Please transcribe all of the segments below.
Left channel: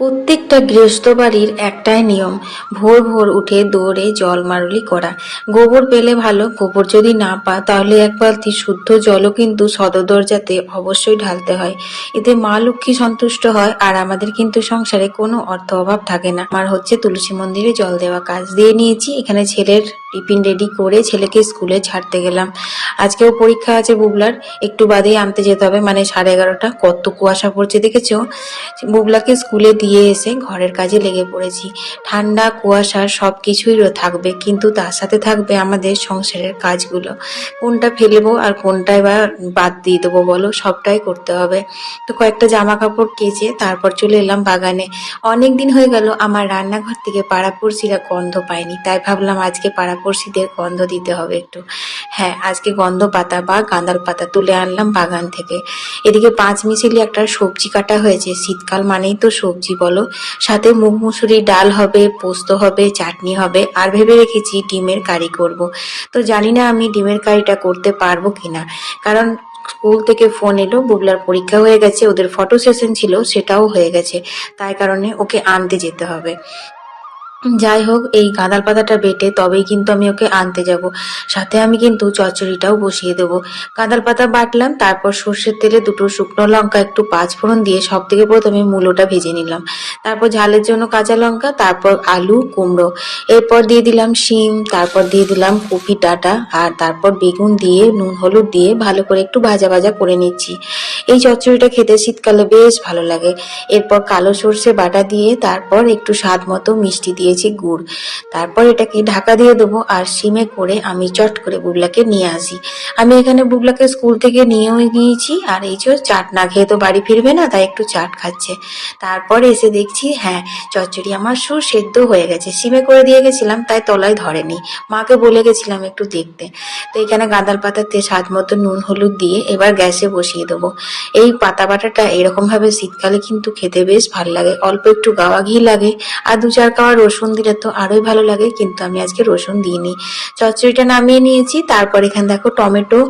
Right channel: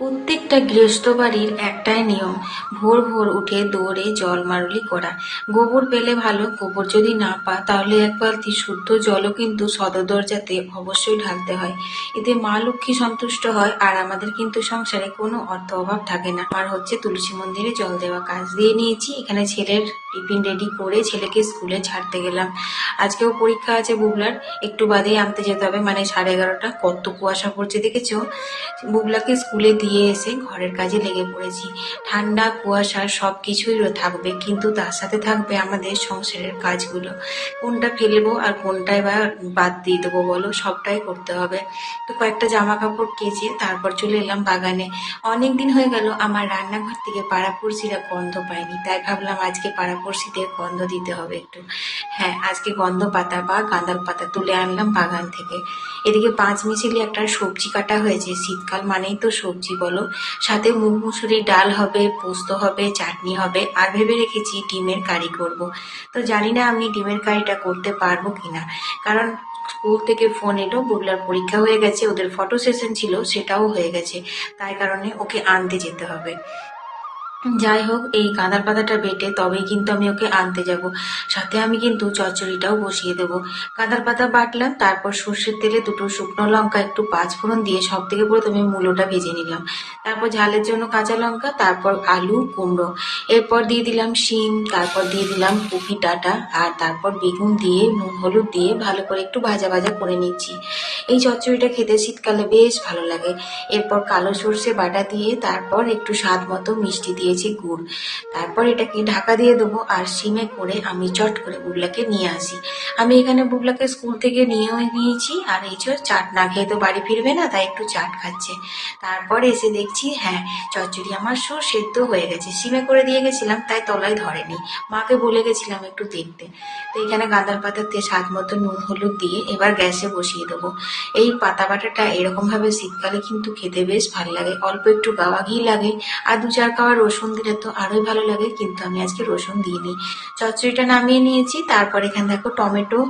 প্রত্যেকটা গৃহস্থ বাড়ির একটাই নিয়ম, ভোর ভোর উঠে দৌড়ে জল মারলি করা। গোবর পেলে ভালো, গোবর যদি না পা তাহলে এক বালতি শুদ্ধ জলও কিন্তু সদর দরজাতে অবশ্যই ঢালতে হয়। এতে মা লক্ষ্মী সন্তুষ্ট হয় আর আমাদের কিন্তু সংসারে কোনো অর্থ অভাব থাকে না। আমার হচ্ছে তুলসী মন্দিরে জল দেওয়া কাজ দিয়ে নিয়েছি। এখানে ছেলের টিফিন রেডি করে ছেলেকে স্কুলে ছাড়তে গেলাম। আজকেও পরীক্ষা আছে বুবলার, একটু বাদেই আনতে যেতে হবে, মানে 11:30। কত কুয়াশা পড়ছে দেখেছো। বুবলাকে স্কুলে দিয়ে এসে ঘরের কাজে লেগে পড়েছি। ঠান্ডা কুয়াশা সব কিছুই থাকবে, কিন্তু তার সাথে থাকবে আমাদের সংসারের কাজগুলো। কোনটা ফেলবো আর কোনটাই বা বাদ দিয়ে দেবো বলো, সবটাই করতে হবে। তো কয়েকটা জামা কাপড় কেচে তারপর চলে এলাম বাগানে। অনেক দিন হয়ে গেল আমার রান্নাঘর থেকে পাড়াপড়শিরা গন্ধ পায়নি, তাই ভাবলাম আজকে পাড়াপড়শিদের গন্ধ দিতে হবে একটু। হ্যাঁ, আজকে গন্ধ পাতা বা গাঁদাল পাতা তুলে আনলাম বাগান থেকে। এদিকে 5 মিশালি একটা সবজি কাটা হয়েছে, শীতকাল মানেই তো সবজি বলো। সাথে মুগ মুসুরির ডাল হবে, পোস্ত হবে, চাটনি হবে, আর ভেবে রেখেছি ডিমের কারি করব। তো জানি না আমি ডিমের কারিটা করতে পারবো কিনা, কারণ স্কুল থেকে ফোন এলো বুবলার পরীক্ষা হয়ে গেছে, ওদের ফটো সেশন ছিল সেটাও হয়ে গেছে, তাই কারণে ওকে আনতে যেতে হবে। যাই হোক, এই গাঁদাল পাতাটা বেটে তবেই কিন্তু আমি ওকে আনতে যাব। সাথে আমি কিন্তু চচ্চড়িটাও বসিয়ে দেবো। গাঁদাল পাতা বাটলাম, তারপর সর্ষের তেলে 2টো শুকনো লঙ্কা, একটু পাঁচফোড়ন দিয়ে সব থেকে প্রথমে মূলোটা ভেজে নিলাম। তারপর ঝালের জন্য কাঁচা লঙ্কা, তারপর আলু কুমড়ো, এরপর দিয়ে দিলাম শিম, তারপর দিয়ে দিলাম কপি ডাঁটা, আর তারপর বেগুন দিয়ে নুন হলুদ দিয়ে ভালো করে একটু ভাজা ভাজা করে নিচ্ছি। এই চচ্চড়িটা খেতে শীতকালে বেশ ভালো লাগে। এরপর কালো সর্ষে বাটা দিয়ে তারপর একটু স্বাদ মতো মিষ্টি দিয়েছি, গুড়। তারপর এটাকে ঢাকা দিয়ে দেবো আর সিমে করে আমি চট করে বুবলাকে নিয়ে আসি। আমি এখানে বুবলাকে স্কুল থেকে নিয়েও গিয়েছি, আর এই যে চাট না খেয়ে তো বাড়ি ফিরবে না, তাই একটু চাট খাচ্ছে। তারপর এসে দেখছি হ্যাঁ, চচ্চড়ি আমার সেদ্ধ হয়ে গেছে। সিমে করে দিয়ে গেছিলাম তাই তলায় ধরেনি, মাকে বলে গেছিলাম একটু দেখতে। তো এখানে গাঁদাল পাতাতে স্বাদ মতো নুন হলুদ দিয়ে এবার গ্যাসে বসিয়ে দেবো। এই পাতা বাটাটা এরকম ভাবে শীতকালে কিন্তু খেতে বেশ ভালো লাগে, অল্প একটু গাওয়া ঘি লাগে, আর 2-4 কোয়া রসুন দিলে তো আরোই ভালো লাগে, কিন্তু আমি আজকে রসুন দিইনি। চচ্চড়িটা নামিয়ে নিয়েছি, তারপর এখানে দেখো টমেটো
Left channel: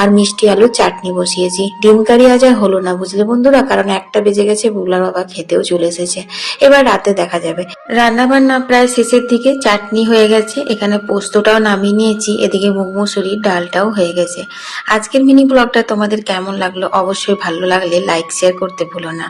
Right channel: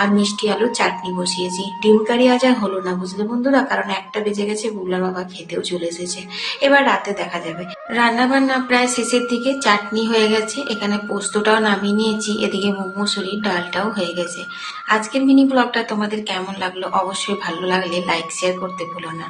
আর মিষ্টি আলুর চাটনি বসিয়েছি। ডিম কারি আজ আর হলো না বুঝলে বন্ধুরা, কারণ 1টা বেজে গেছে, বুবলার বাবা খেতেও চলে এসেছে। এবার রাতে দেখা যাবে। রান্না বান্না প্রায় শেষের দিকে, চাটনি হয়ে গেছে, এখানে পোস্তটাও নামিয়ে নিয়েছি, এদিকে মুগ মুসুরির ডালটাও হয়ে গেছে। আজকের মিনি ব্লগটা তোমাদের কেমন লাগলো অবশ্যই ভালো লাগলে লাইক শেয়ার করতে ভুলো না।